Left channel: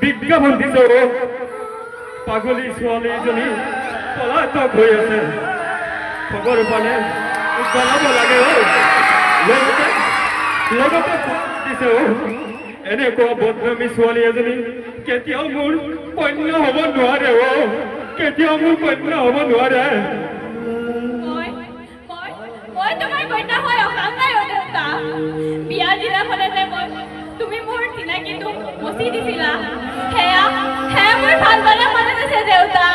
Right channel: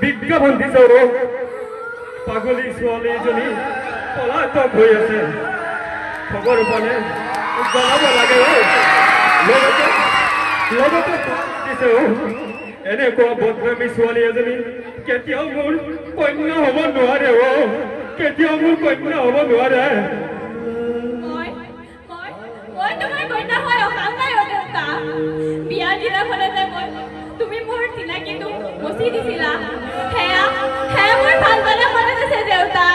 বিজ্ঞাপন দিছে অ পাগলী ছোৱালী এজনী পলাতক হৈ আছে। পালে জনাব লাগে লগতে দিছে এনেকুৱা বদনামী ছোৱালী এজনী কেতিয়াও মোৰ কন্যা হ'ব নোৱাৰে অ কেতিয়াও মোৰ কন্যা হ'ব নোৱাৰে। চিনাকিটো মচি দিছিলা। সেয়া সেয়া মোৰ ভালদৰে মনত আছে দেউতা।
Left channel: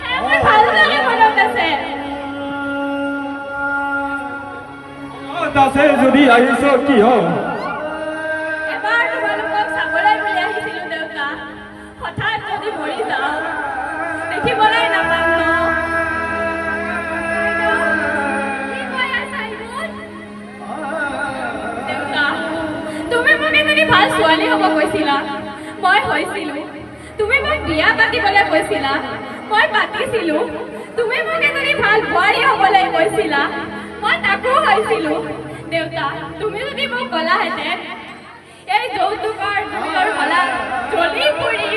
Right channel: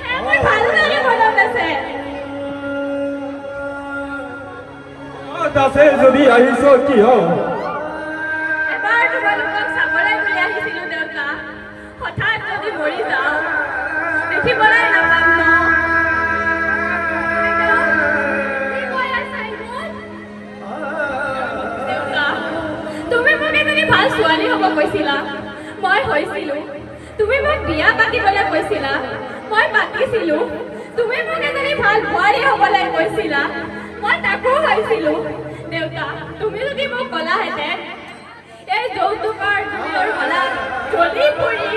সেয়া মোৰ ভালদৰে মনত আছে। আছে যদি আহিছ কিয়? এবাৰ তোমালোকক চাবলৈ বুলি আহিছিলো দেউতা। হঠাৎ যদি মৰি যাওঁ দেখিবলৈ নাপাম ন? কি কৈ আছা ইমান? দেউতা তুমি মোক এজনী ভাল ছোৱালী হ'ব কৈছিলা। মই হৈছিলো। তুমি মোক বিয়া পাতিবলৈ কৈছিলা। মই পাতিছিলো। তুমি মোক এজনী ভাল বোৱাৰী হ'বলৈ কৈছিলা। মই তাকো হৈছিলো। দেউতা তুমি যদি মোক ক'লাহেঁতেন। এই যৌতুকৰ জুইৰ হলা জ্বলি পৰি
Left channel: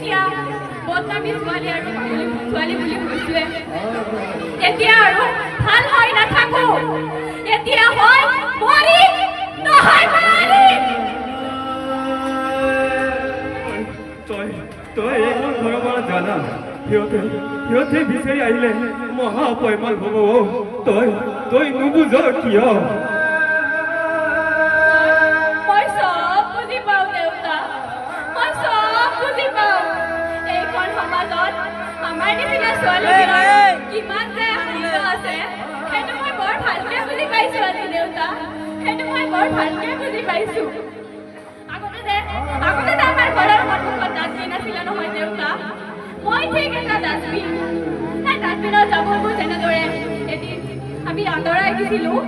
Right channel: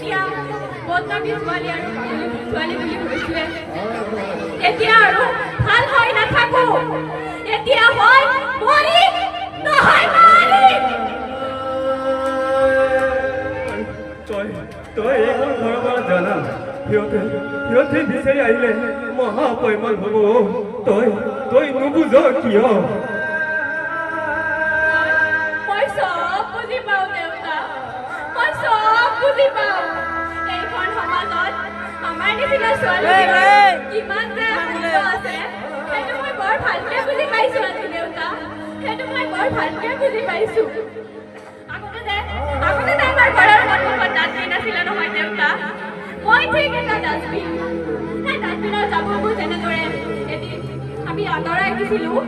মই যেতিয়া বদনামী ছোৱালী আৰু পাগলী ছোৱালী বুলি কৈছোৱে। এতিয়া আৰু ভাল হৈ নাথাকো। এতিয়া হয় মৰি নহয় মৰি তই তই এইখন ঘৰৰ পৰা জানা সিহঁতে সিহঁতে বিচাৰি আহিলে মহা অপমান হ'ব। তই তই নুবুজ কিয়? মই চব বুজি পাওঁ আমাৰ নিচিনা ছোৱালীবিলাক কিমান যে মূল্য আছে সেইটো মই বৰ ভালকে বুজি পাইছোঁ আজি দেউতা সেইটো মই বৰ ভালকে বুজি পাইছোঁ আগতে যে আগতে যে আমাৰ ঘৰৰ সন্মুখত ডাষ্টবিন আছিলে নহয় দেউতা মই ঠিক এটা ডাষ্টবিন সেই ডাষ্টবিনৰ জাবৰবোৰ যেনেদৰে এদিন আমি আঁতৰাই দিছিলোঁ